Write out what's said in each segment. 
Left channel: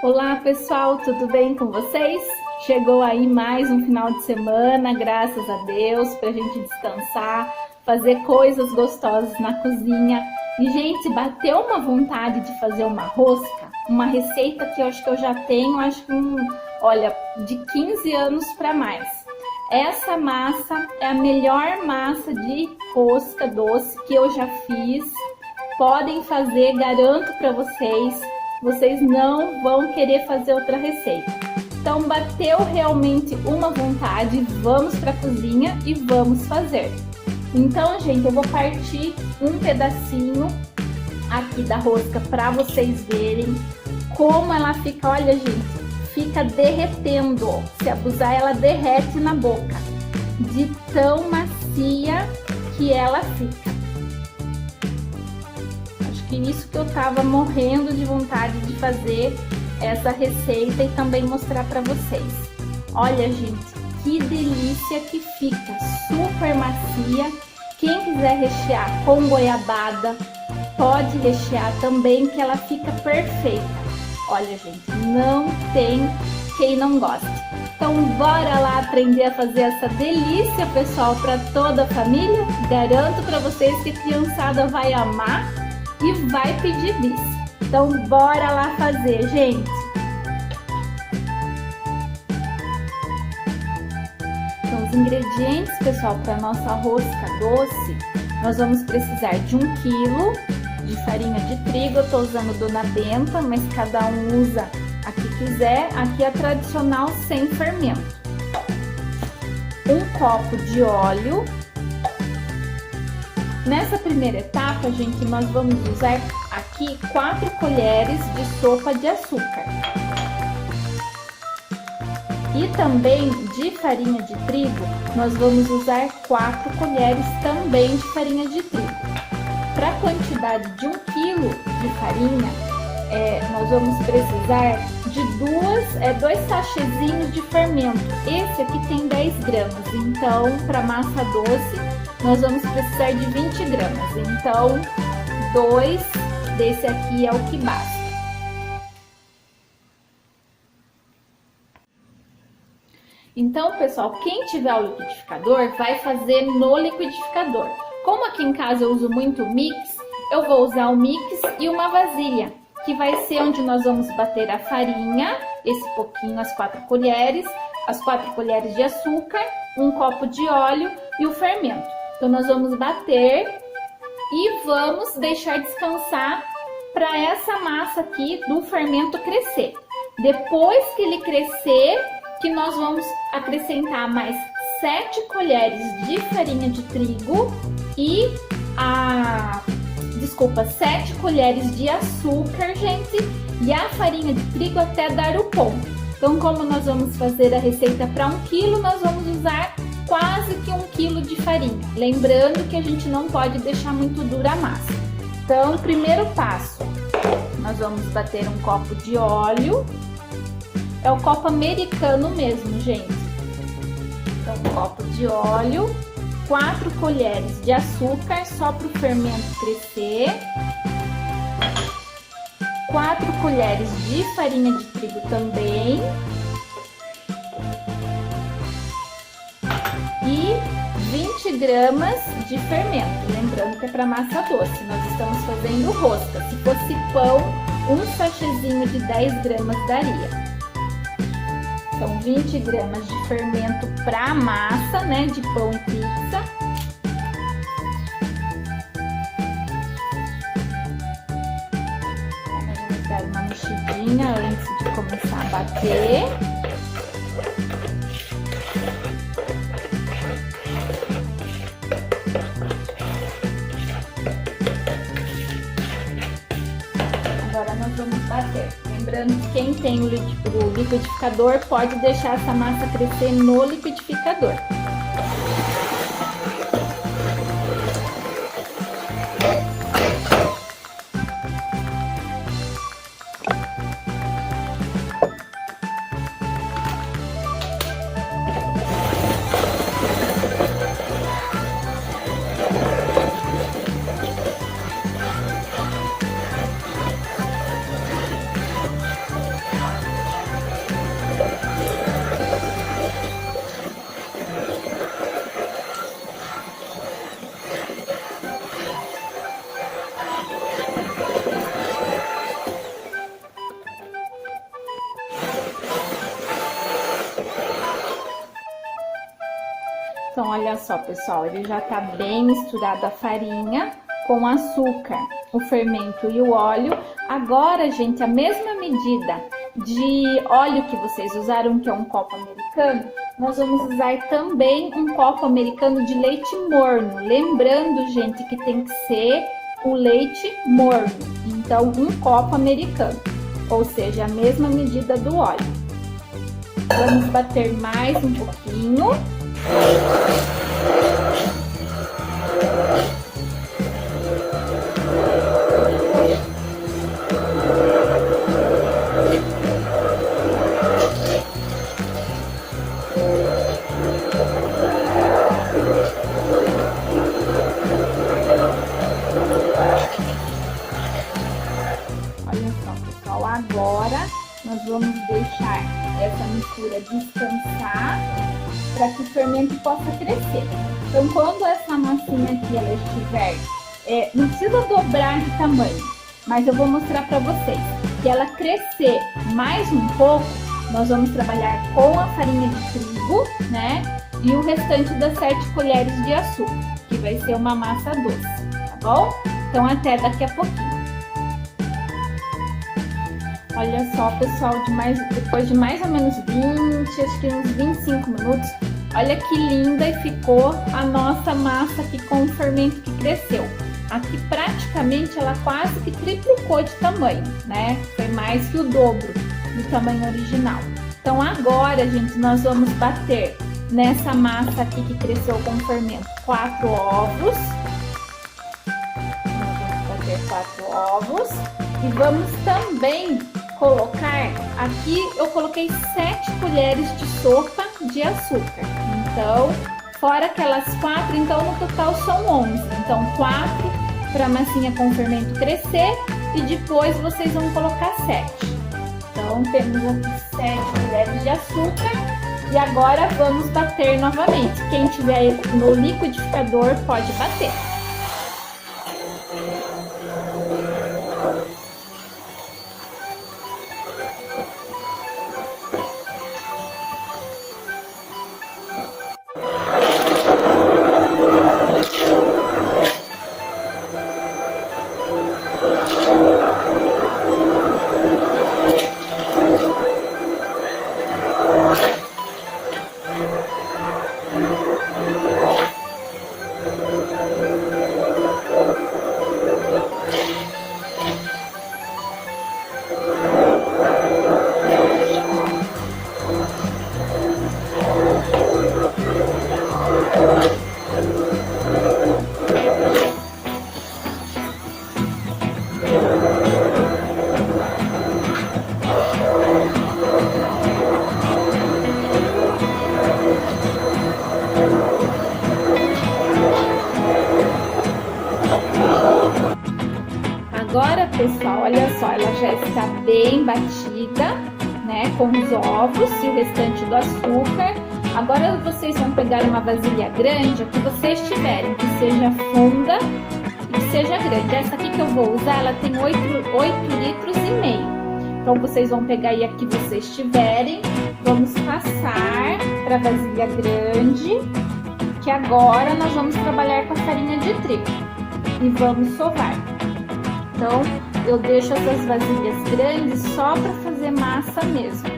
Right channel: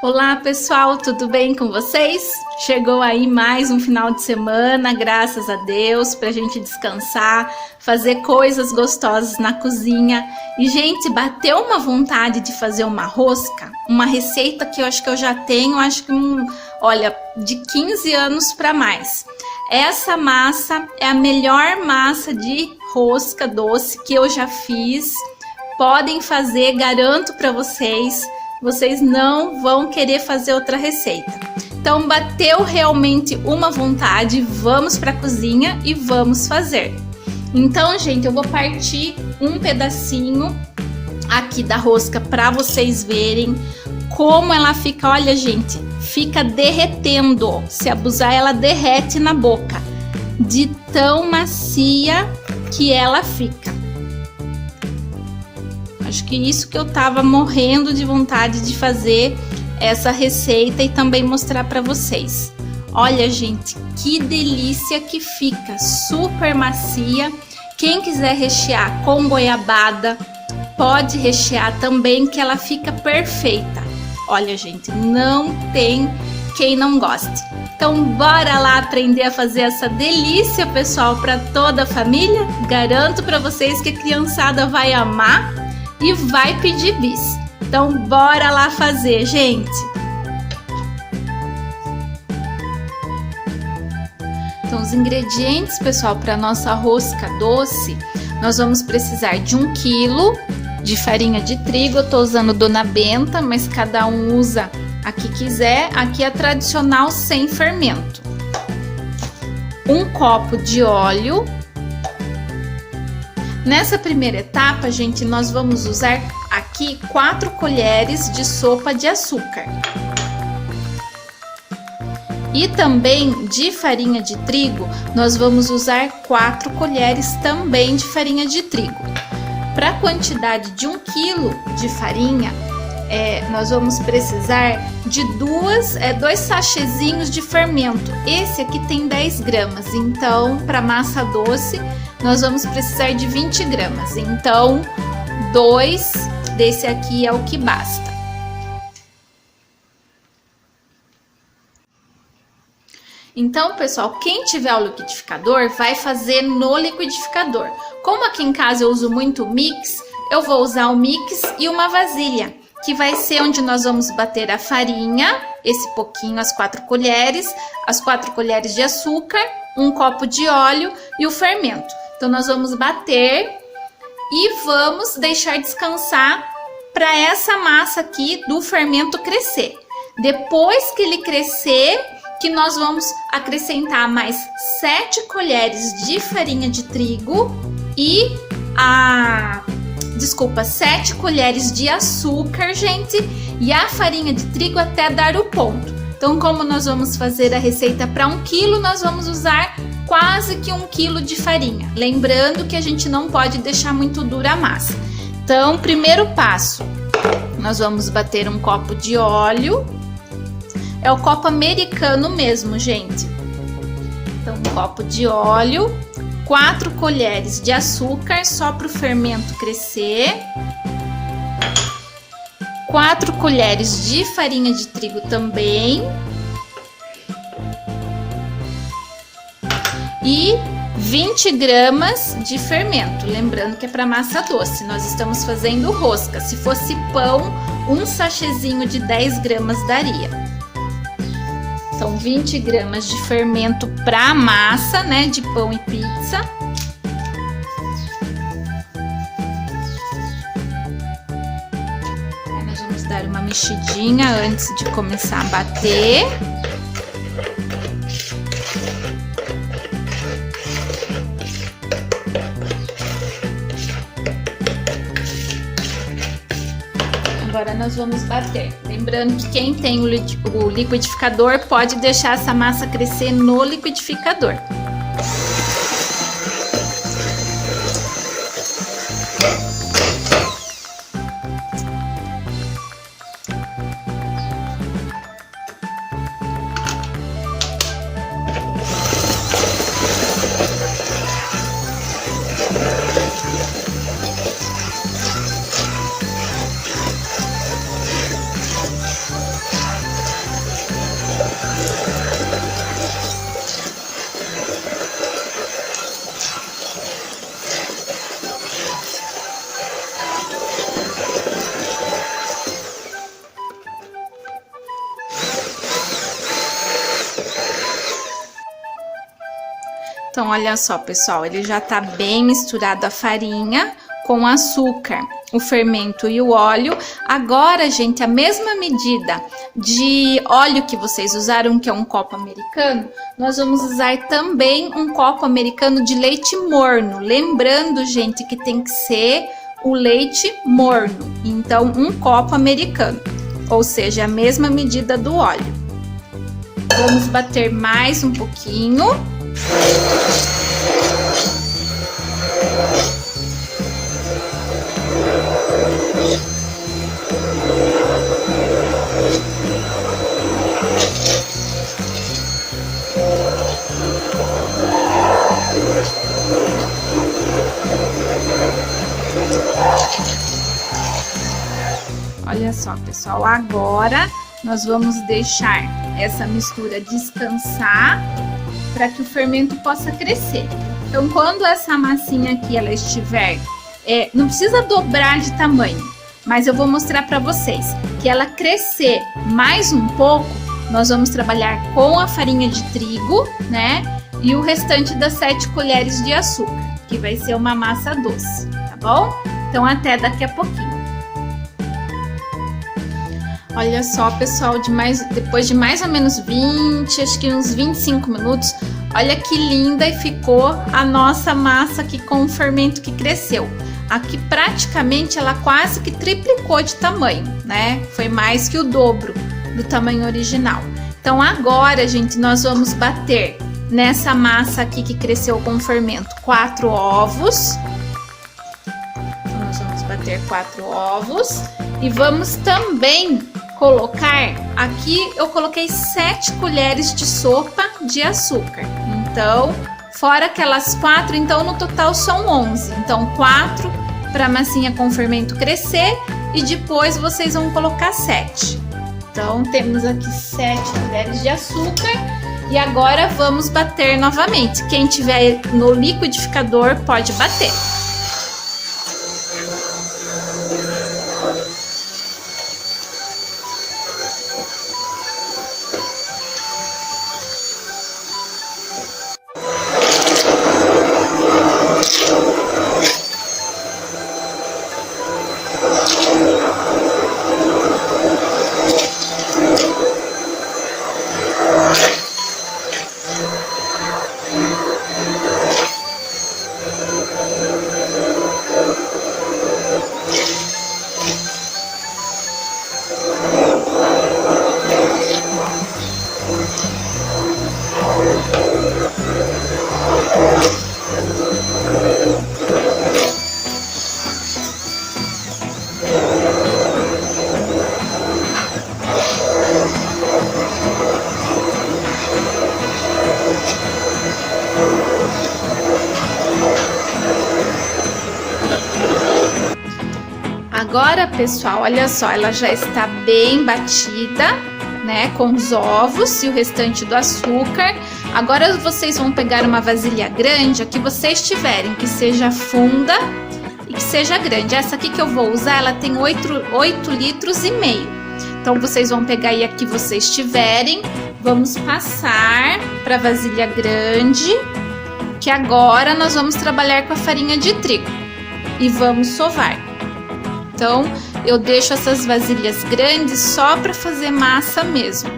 Olá pessoal, tudo bem com vocês? Chegou aí mais um final de semana, graças a Deus, pra gente descansar, fazer coisas gostosas na cozinha. E gente, bateu uma vontade de fazer uma rosca, uma receita que eu acho que eu já tenho, olha, de 15 anos para mais. Essa massa é a melhor massa de rosca doce que eu já fiz. Podem fazer, garanto para vocês. Vocês não vão querer fazer outra receita. Então bateu realmente uma vontade, vamos para a cozinha e vamos fazer. Então, gente, eu vou partir um pedacinho aqui da rosca para vocês verem como ela fica. Olha, gente, fica derretendo. Se abusar, ela derrete na boca, de tão macia que ela fica. Acho que isso que eu tava morrendo de vontade de fazer essa receita e também mostrar para vocês. Olha, gente, que delícia que fica, super macia. Quem quiser rechear com goiabada, pode rechear também, que ela fica perfeita. Olha, gente, não tem quem não goste. Então, bora lá aprender a fazer essa delícia, pessoal, para toda a família. Garanto para vocês que a criançada vai amar e vai pedir bis. Então bora lá fazer, gente. Então os ingredientes, pessoal, para nossa rosca doce, nós vamos precisar de 1 quilo de farinha de trigo. Eu tô usando Dona Benta, mas cada um usa a que quiser. Aqui é a tradicional sem fermento. 1 copo de óleo. Nessa primeira etapa, gente, nós vamos usar aqui 4 colheres de sopa de açúcar. E também de farinha de trigo, nós vamos usar 4 colheres também de farinha de trigo. Para a quantidade de 1 quilo de farinha, nós vamos precisar de 2 sachêzinhos de fermento. Esse aqui tem 10 gramas, então para massa doce nós vamos precisar de 20 gramas. Então 2 desse aqui é o que basta. Então, pessoal, quem tiver o liquidificador vai fazer no liquidificador. Como aqui em casa eu uso muito mix, eu vou usar o mix e uma vasilha, que vai ser onde nós vamos bater a farinha, esse pouquinho, as 4 colheres, as 4 colheres de açúcar, 1 copo de óleo e o fermento. Então nós vamos bater e vamos deixar descansar para essa massa aqui do fermento crescer. Depois que ele crescer, que nós vamos acrescentar mais 7 colheres de farinha de trigo e 7 colheres de açúcar, gente, e a farinha de trigo até dar o ponto. Então, como nós vamos fazer a receita para 1 quilo, nós vamos usar quase que 1 quilo de farinha. Lembrando que a gente não pode deixar muito dura a massa. Então, primeiro passo, nós vamos bater 1 copo de óleo. É o copo americano mesmo, gente. Então, 1 copo de óleo. 4 colheres de açúcar, só para o fermento crescer. 4 colheres de farinha de trigo também. E 20 gramas de fermento. Lembrando que é para massa doce, nós estamos fazendo rosca. Se fosse pão, 1 sachêzinho de 10 gramas daria. Então, 20 gramas de fermento para massa, né, de pão e pizza. Nós vamos dar uma mexidinha antes de começar a bater. Agora nós vamos bater. Lembrando que quem tem o liquidificador pode deixar essa massa crescer no liquidificador. Então, olha só, pessoal, ele já tá bem misturado a farinha com açúcar, o fermento e o óleo. Agora, gente, a mesma medida de óleo que vocês usaram, que é um copo americano, nós vamos usar também um copo americano de leite morno. Lembrando, gente, que tem que ser o leite morno. Então, um copo americano, ou seja, a mesma medida do óleo. Vamos bater mais um pouquinho. Olha só, pessoal, agora nós vamos deixar essa mistura descansar para que o fermento possa crescer. Então, quando essa massinha aqui ela estiver, não precisa dobrar de tamanho, mas eu vou mostrar para vocês que ela crescer mais um pouco, nós vamos trabalhar com a farinha de trigo, né? E o restante das 7 colheres de açúcar, que vai ser uma massa doce, tá bom? Então, até daqui a pouquinho. Olha só, pessoal, depois de mais ou menos 20, acho que uns 25 minutos, olha que linda e ficou a nossa massa aqui com o fermento que cresceu. Aqui praticamente ela quase que triplicou de tamanho, né? Foi mais que o dobro do tamanho original. Então agora, gente, nós vamos bater nessa massa aqui que cresceu com o fermento 4 ovos. Nós vamos bater 4 ovos e vamos também colocar, aqui eu coloquei 7 colheres de sopa de açúcar. Então, fora aquelas 4, então no total são 11. Então, 4 para a massinha com fermento crescer e depois vocês vão colocar 7. Então, temos aqui 7 colheres de açúcar e agora vamos bater novamente. Quem tiver no liquidificador pode bater. Agora, pessoal, olha só, ela já está bem batida, né, com os ovos e o restante do açúcar. Agora vocês vão pegar uma vasilha grande, a que vocês tiverem, que seja funda e que seja grande. Essa aqui que eu vou usar, ela tem 8 litros e meio. Então, vocês vão pegar aí a que vocês tiverem, vamos passar para a vasilha grande, que agora nós vamos trabalhar com a farinha de trigo e vamos sovar. Então, eu deixo essas vasilhas grandes só para fazer massa mesmo.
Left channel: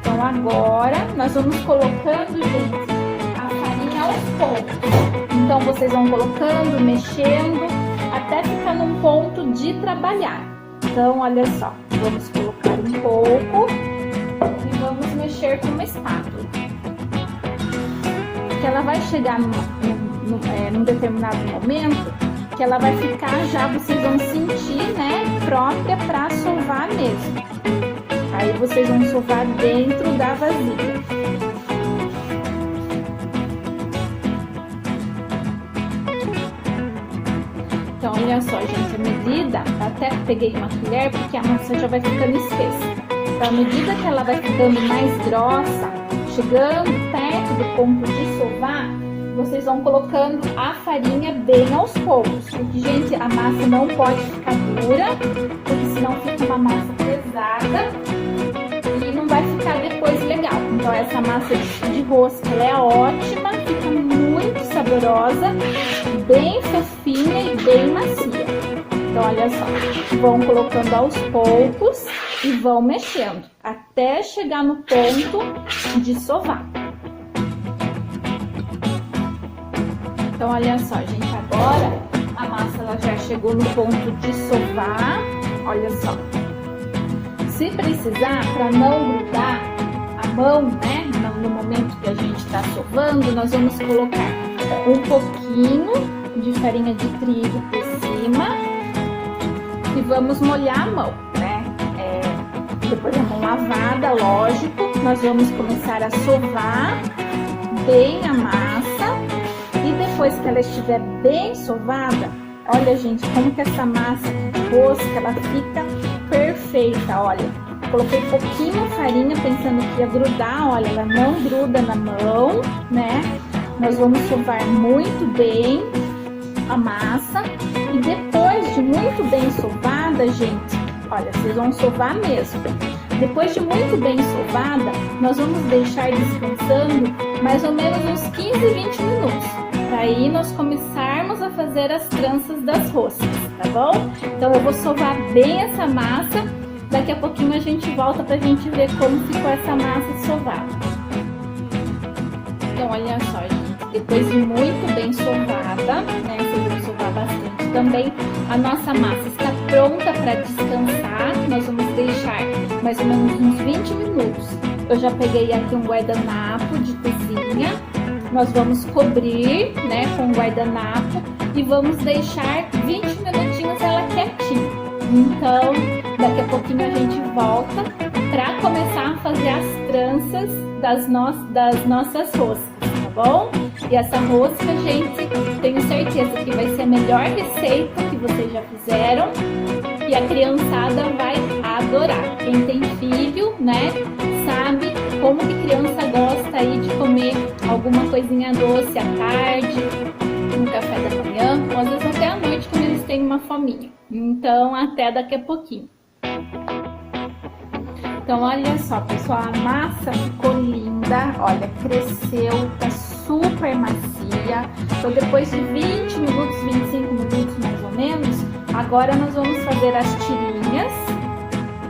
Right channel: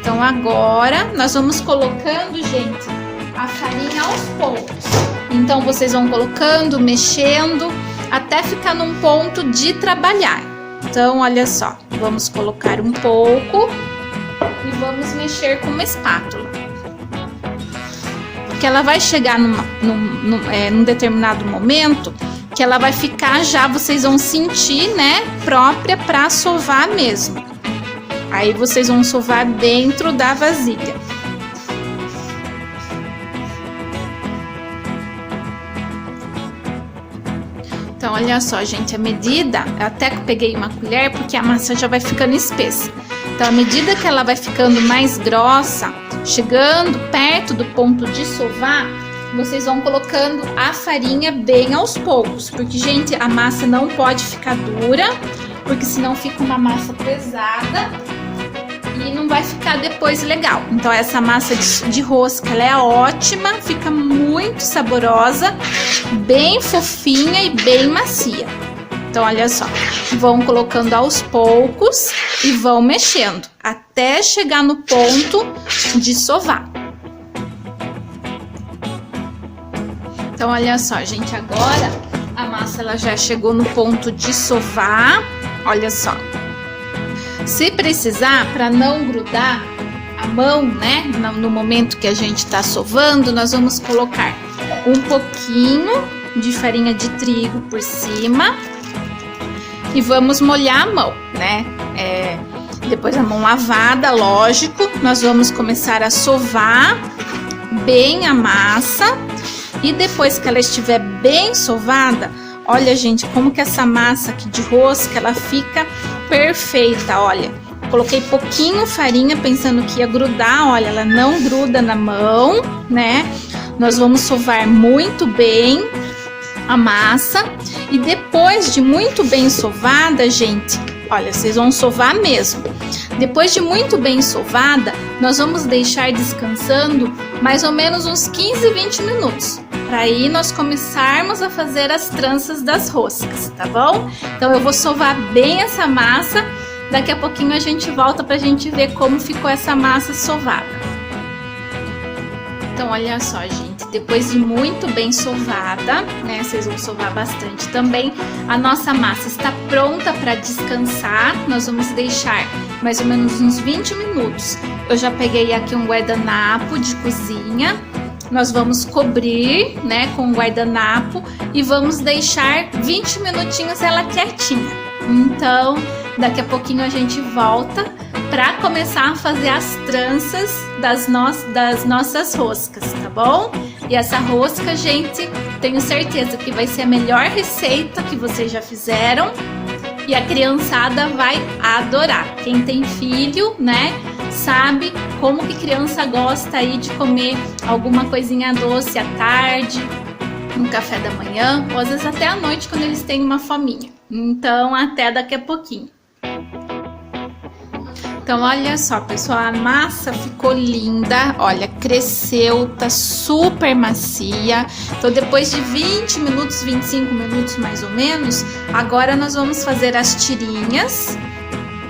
Então, agora nós vamos colocando, gente, a farinha aos poucos. Então, vocês vão colocando, mexendo, até ficar num ponto de trabalhar. Então, olha só, vamos colocar um pouco e vamos mexer com uma espátula. Que ela vai chegar num determinado momento que ela vai ficar já, vocês vão sentir, né, própria para sovar mesmo. Aí vocês vão sovar dentro da vasilha. Então, olha só, gente, a medida, eu até peguei uma colher porque a massa já vai ficando espessa. Então, à medida que ela vai ficando mais grossa, chegando perto do ponto de sovar, vocês vão colocando a farinha bem aos poucos, porque, gente, a massa não pode ficar dura, porque senão fica uma massa pesada e não vai ficar depois coisa legal. Então essa massa de rosca, ela é ótima, fica muito saborosa, bem fofinha e bem macia. Então olha só, vão colocando aos poucos e vão mexendo até chegar no ponto de sovar. Então olha só, gente, agora a massa ela já chegou no ponto de sovar. Olha só. Se precisar, para não grudar a mão, né, no momento que a gente tá sovando, nós vamos colocar um pouquinho de farinha de trigo por cima e vamos molhar a mão, né? Depois a mão lavada, lógico, nós vamos começar a sovar bem a massa e depois que ela estiver bem sovada, olha, gente, como que essa massa aqui de rosca, ela fica perfeita, olha. Coloquei pouquinho farinha pensando que ia grudar, olha, ela não gruda na mão, né? Nós vamos sovar muito bem a massa e depois de muito bem sovada, gente, olha, vocês vão sovar mesmo. Depois de muito bem sovada, nós vamos deixar descansando mais ou menos uns 15, 20 minutos. Para aí nós começarmos a fazer as tranças das roscas, tá bom? Então eu vou sovar bem essa massa, daqui a pouquinho a gente volta pra gente ver como ficou essa massa sovada. Então olha só, gente, depois de muito bem sovada, né, vocês vão sovar bastante também, a nossa massa está pronta para descansar. Nós vamos deixar mais ou menos uns 20 minutos. Eu já peguei aqui um guardanapo de cozinha. Nós vamos cobrir, né, com um guardanapo e vamos deixar 20 minutinhos ela quietinha. Então, daqui a pouquinho a gente volta para começar a fazer as tranças das nossas roscas, tá bom? E essa rosca, gente, tenho certeza que vai ser a melhor receita que vocês já fizeram e a criançada vai adorar. Quem tem filho, né, sabe como que criança gosta aí de comer alguma coisinha doce à tarde, no café da manhã, ou às vezes até à noite quando eles têm uma fominha. Então, até daqui a pouquinho. Então, olha só, pessoal, a massa ficou linda, olha, cresceu, tá super macia. Então, depois de 20 minutos, 25 minutos mais ou menos, agora nós vamos fazer as tirinhas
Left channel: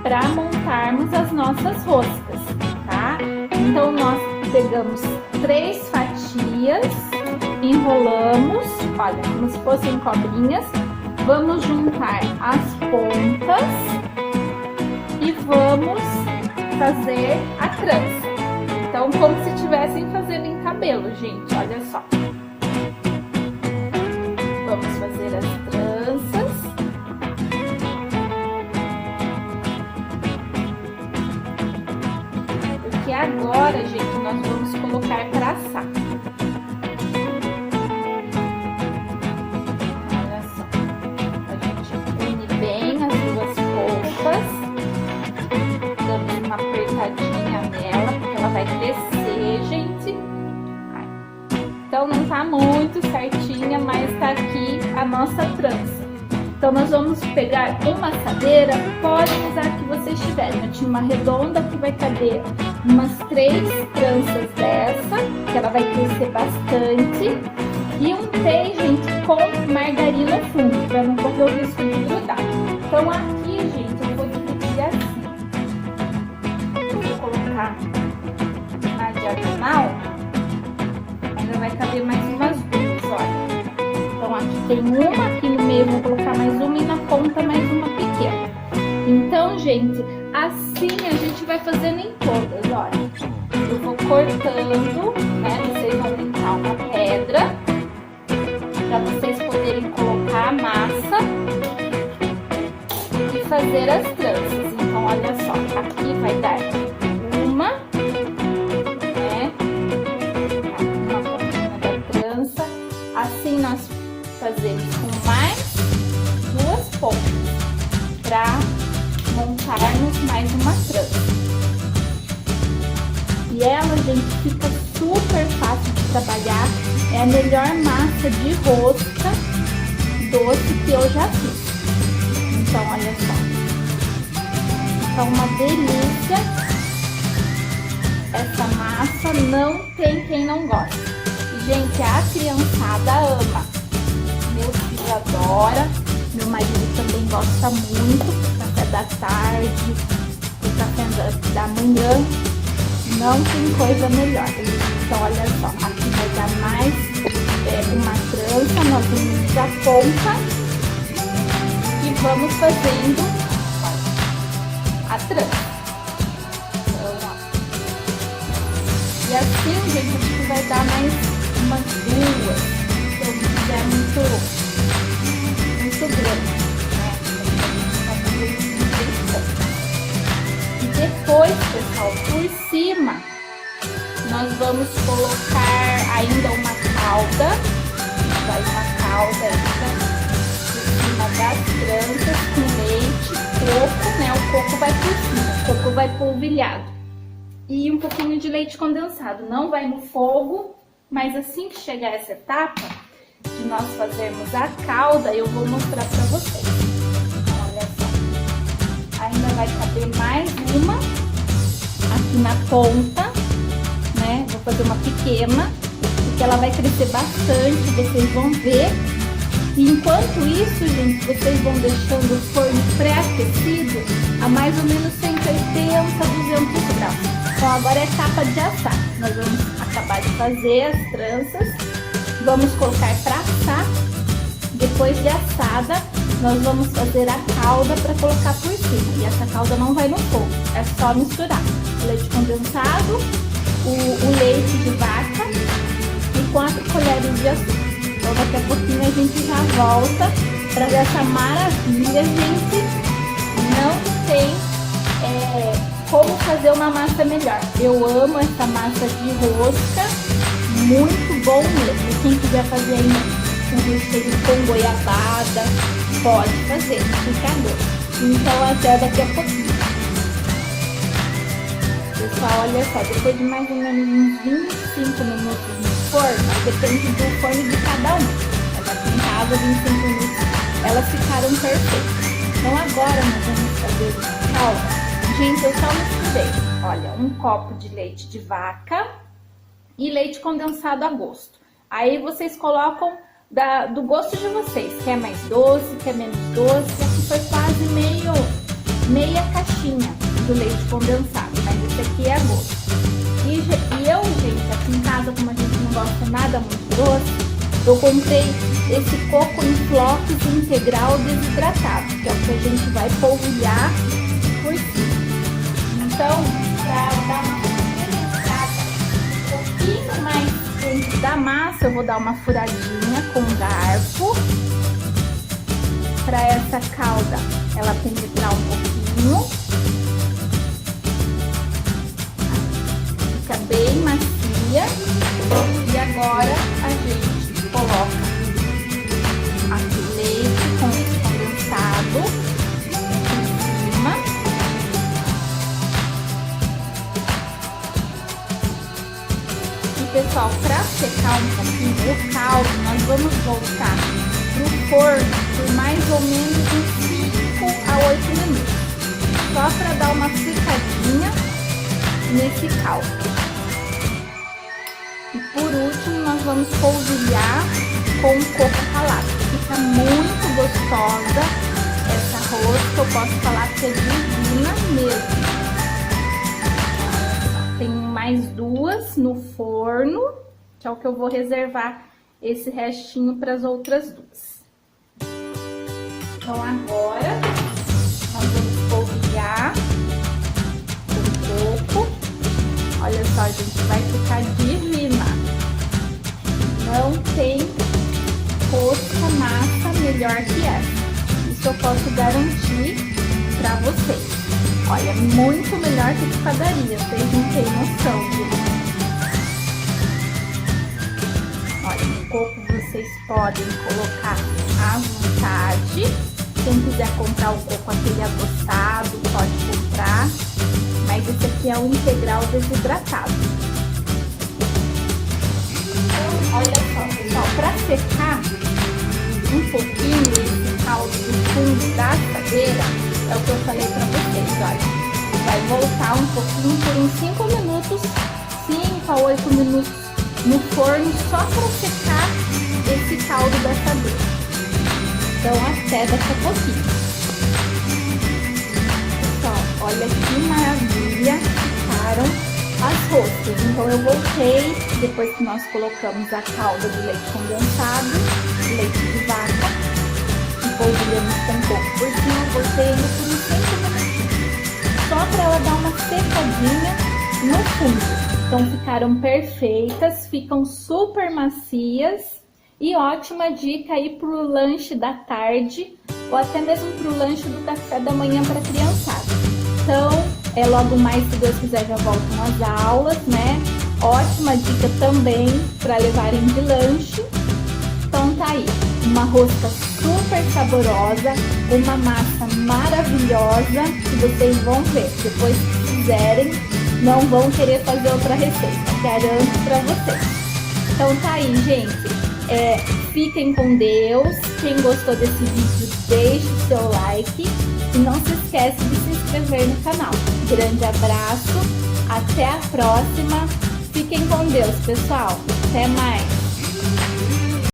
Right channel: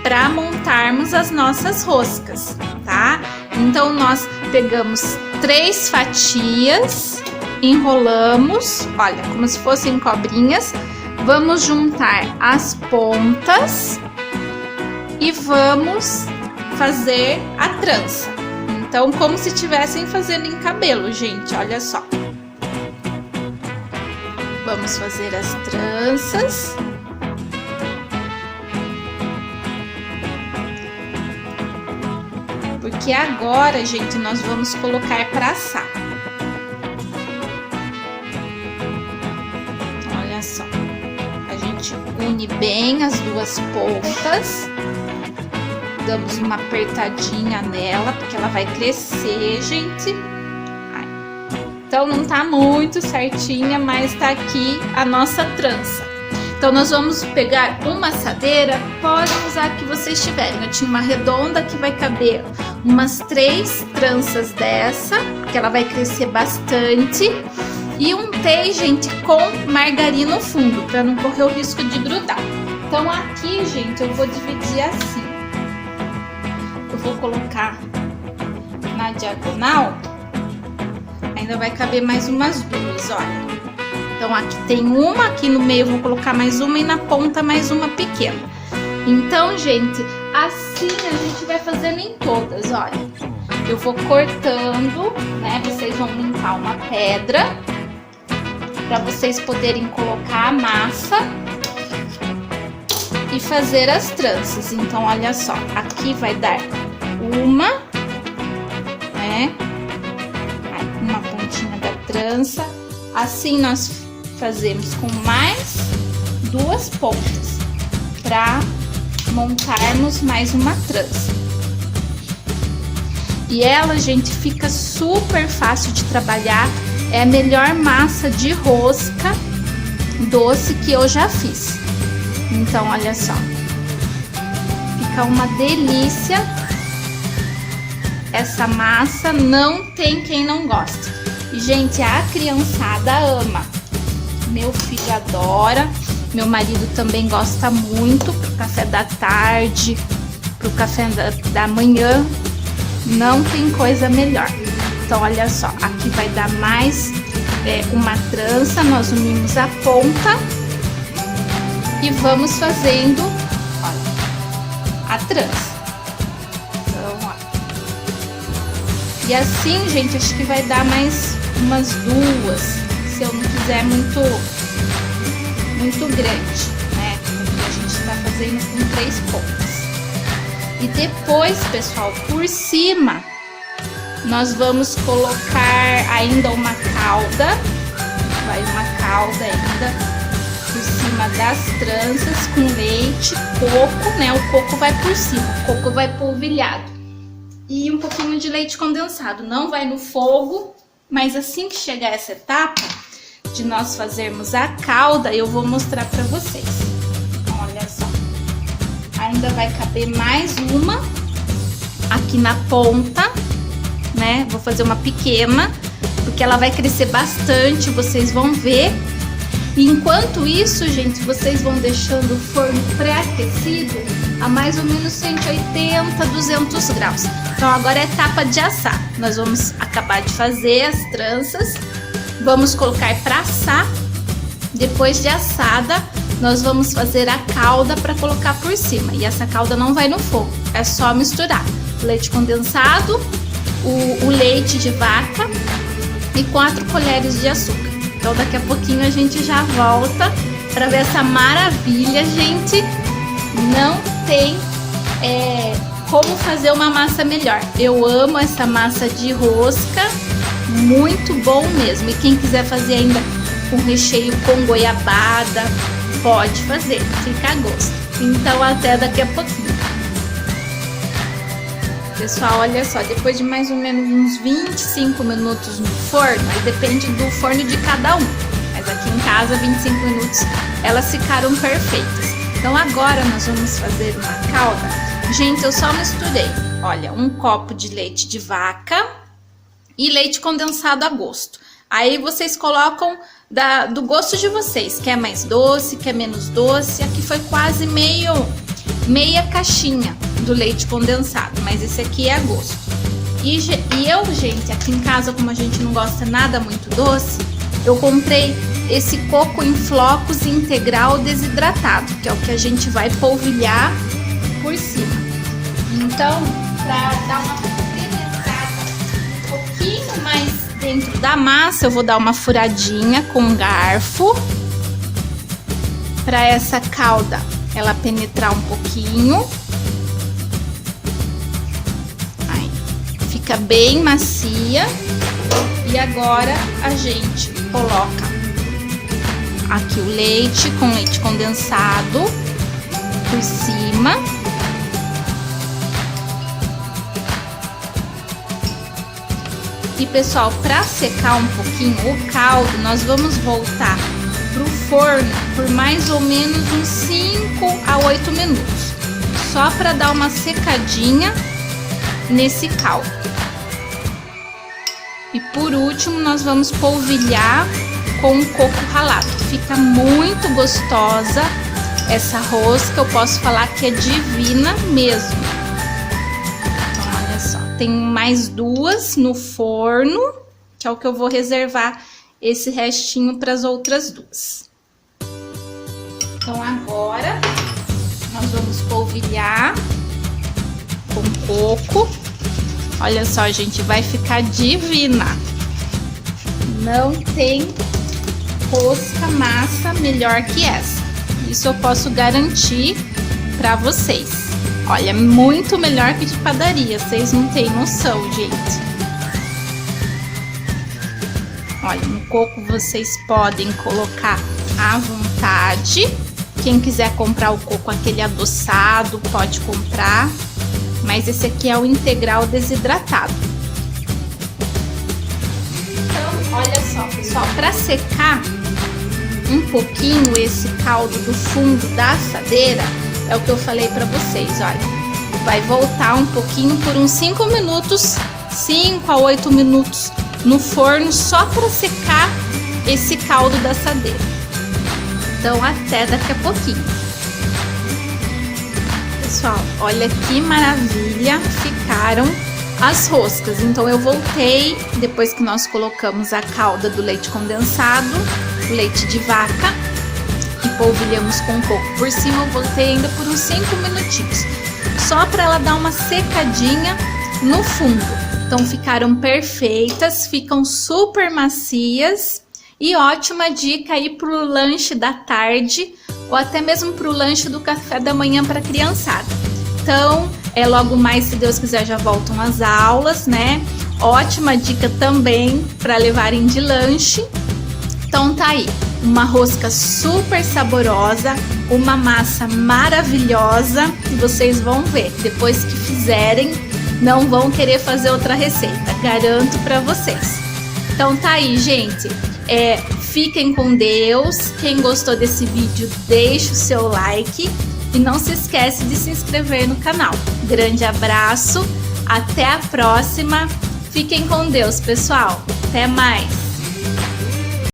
para montarmos as nossas roscas, tá? Então, nós pegamos 3 fatias, enrolamos, olha, como se fossem cobrinhas, vamos juntar as pontas e vamos fazer a trança. Então, como se estivessem fazendo em cabelo, gente, olha só. Vamos fazer as tranças. Porque agora, gente, nós vamos colocar para assar. Olha só. A gente une bem as duas pontas. Damos uma apertadinha nela, porque ela vai crescer, gente. Então, não tá muito certinha, mas tá aqui a nossa trança. Então, nós vamos pegar uma assadeira, podem usar a que vocês tiverem. Eu tinha uma redonda que vai caber umas 3 tranças dessa, que ela vai crescer bastante. E untei, gente, com margarina no fundo, para não correr o risco de grudar. Então, aqui, gente, eu vou dividir assim. Eu vou colocar na diagonal, ainda vai caber mais umas 2, olha. Então, aqui tem uma, aqui no meio eu vou colocar mais uma e na ponta mais uma pequena. Então, gente, assim a gente vai fazendo em todas, olha. Eu vou cortando, né? Vocês vão limpar uma pedra para vocês poderem colocar a massa e fazer as tranças. Então, olha só, aqui vai dar uma, né? Uma pontinha da trança. Assim nós fazemos com mais 2 pontas para montarmos mais uma trança. E ela, gente, fica super fácil de trabalhar. É a melhor massa de rosca doce que eu já fiz. Então, olha só. Fica uma delícia. essa massa não tem quem não goste. E, gente, a criançada ama. Meu filho adora, meu marido também gosta muito, pro café da tarde, pro café da manhã, não tem coisa melhor. Então, olha só, aqui vai dar mais uma trança, nós unimos a ponta e vamos fazendo a trança. E assim, gente, acho que vai dar mais umas duas, se eu não quiser muito grande, né? A gente vai fazendo em 3 pontas. E depois, pessoal, por cima, nós vamos colocar ainda uma calda, vai uma calda ainda por cima das tranças com leite, coco, né? O coco vai por cima, o coco vai polvilhado. E um pouquinho de leite condensado, não vai no fogo, mas assim que chegar essa etapa de nós fazermos a calda, eu vou mostrar pra vocês. Olha só, ainda vai caber mais uma aqui na ponta, né? Vou fazer uma pequena, porque ela vai crescer bastante, vocês vão ver. E enquanto isso, gente, vocês vão deixando o forno pré-aquecido a mais ou menos 180, 200 graus. Então agora é etapa de assar. Nós vamos acabar de fazer as tranças, vamos colocar para assar. Depois de assada, nós vamos fazer a calda para colocar por cima. E essa calda não vai no fogo, é só misturar o leite condensado, o leite de vaca e 4 colheres de açúcar. Então daqui a pouquinho a gente já volta para ver essa maravilha, gente. Não tem como fazer uma massa melhor. Eu amo essa massa de rosca, muito bom mesmo. E quem quiser fazer ainda com recheio com goiabada, pode fazer, fica a gosto. Então até daqui a pouquinho. Pessoal, olha só, depois de mais ou menos uns 25 minutos no forno, depende do forno de cada um, mas aqui em casa 25 minutos elas ficaram perfeitas. Então agora nós vamos fazer uma calda. Gente, eu só misturei, olha, um copo de leite de vaca e leite condensado a gosto. Aí vocês colocam do gosto de vocês, quer mais doce, quer menos doce. Aqui foi quase meia caixinha do leite condensado, mas esse aqui é a gosto. E eu, gente, aqui em casa, como a gente não gosta nada muito doce, eu comprei esse coco em flocos integral desidratado, que é o que a gente vai polvilhar por cima. Então, para dar uma finalizada um pouquinho mais dentro da massa, eu vou dar uma furadinha com um garfo para essa calda ela penetrar um pouquinho. Aí, fica bem macia. E agora a gente coloca aqui o leite com leite condensado por cima. E pessoal, para secar um pouquinho o caldo, nós vamos voltar pro forno por mais ou menos uns 5 a 8 minutos, só para dar uma secadinha nesse caldo. E por último, nós vamos polvilhar com coco ralado. Fica muito gostosa essa rosca, eu posso falar que é divina mesmo. Olha só, tem mais 2 no forno, que é o que eu vou reservar esse restinho para as outras 2. Então agora nós vamos polvilhar com coco. Olha só, gente, vai ficar divina. Não tem rosca massa melhor que essa. Isso eu posso garantir para vocês. Olha, muito melhor que de padaria. Vocês não têm noção, gente. Olha, no coco vocês podem colocar à vontade. Quem quiser comprar o coco aquele adoçado, pode comprar. Mas esse aqui é o integral desidratado. Então, olha só, pessoal, para secar um pouquinho esse caldo do fundo da assadeira, é o que eu falei para vocês, olha. vai voltar um pouquinho por uns 5 minutos, 5 a 8 minutos no forno, só para secar esse caldo da assadeira. Então até daqui a pouquinho. Pessoal, olha que maravilha ficaram as roscas. Então eu voltei, depois que nós colocamos a calda do leite condensado, o leite de vaca, e polvilhamos com um pouco por cima, eu voltei ainda por uns 5 minutinhos, só para ela dar uma secadinha no fundo. Então ficaram perfeitas, ficam super macias e ótima dica aí para o lanche da tarde ou até mesmo para o lanche do café da manhã para a criançada. Então, logo mais, se Deus quiser, já voltam as aulas, né? Ótima dica também para levarem de lanche. Então tá aí, uma rosca super saborosa, uma massa maravilhosa, que vocês vão ver, depois que fizerem, não vão querer fazer outra receita, garanto para vocês. Então tá aí, gente, fiquem com Deus. Quem gostou desse vídeo, deixe o seu like e não se esquece de se inscrever no canal. Grande abraço, até a próxima, fiquem com Deus, pessoal, até mais!